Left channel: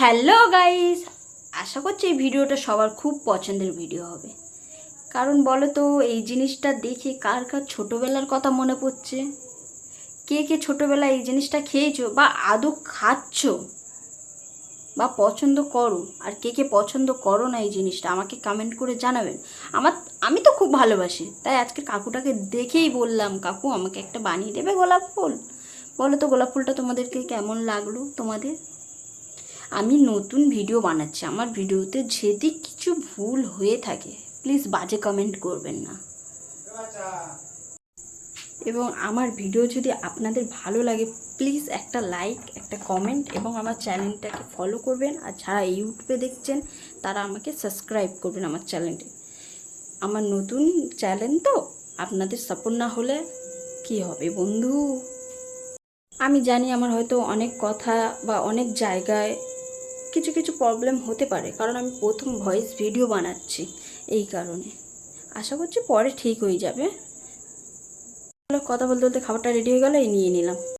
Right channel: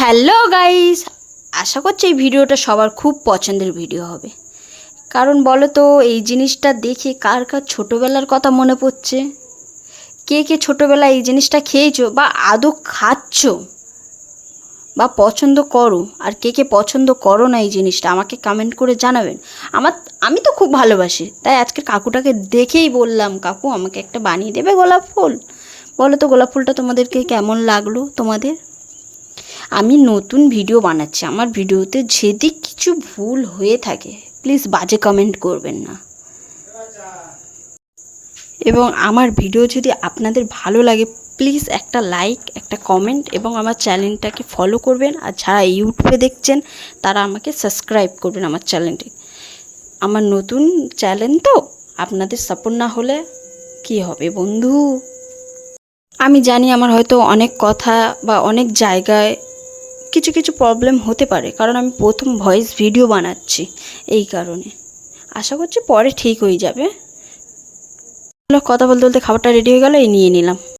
Hello guys, আশা করছি এই ভিডিওটা সবার খুব পছন্দের ভিডিও হবে। কারণ বলো তো, এই জিনিসটা দেখে কার কার ছোটোবেলার কথা মনে পড়ছে? কে কে ছোটোবেলায় এই জিনিসটা খেয়েছো বা আদৌ খাচ্ছো বা পছন্দ করো? আর কে কে পছন্দ করো না এই জিনিসটা আমাকে কমেন্ট করে জানাবেন। আমার আমি তো খুব ভালোবাসি, তাই আজকে কাকুটাকে দেখেই বললাম, কাকু আমাকে একটা বানিয়ে দেবে গোলাপ ফুল। বলো তো গোলাপ ফুলটা তোমাদেরকে কেমন লাগলো তোমাদের? আমি নতুন ভিডিও বানাচ্ছি, আমার ভিডিওতে যদি কিছু ভুল হয়ে থাকে প্লিজ বাজে কমেন্ট করবেন না। এবং আমার ভিডিও যদি আপনাদের ভালো লাগে প্লিজ একটা লাইক, একটা কমেন্ট এবং আমার চ্যানেলটাকে ফলো করবেন। আর যারা ইউটিউবে দেখছেন তারা আমাকে সাবস্ক্রাইব করবেন আমার চ্যানেলটি। আমার নতুন চ্যানেল তো, আপনাদের সাপোর্ট না হলে কি হবে বন্ধু? আমি জানি আমার হয়তো অনেক কথা বা অনেক জায়গায় কিছু কিছু প্রবলেম হতে পারে, কারণ আমি প্রথম ভয়েস ভিডিও বানাচ্ছি, এই কারণে। আশা করছি পরে ঠিক হয়ে যাবে। কথা বলতে বলতে খাবারটা রেডি হয়ে গেল, এই নিয়ে নিলাম।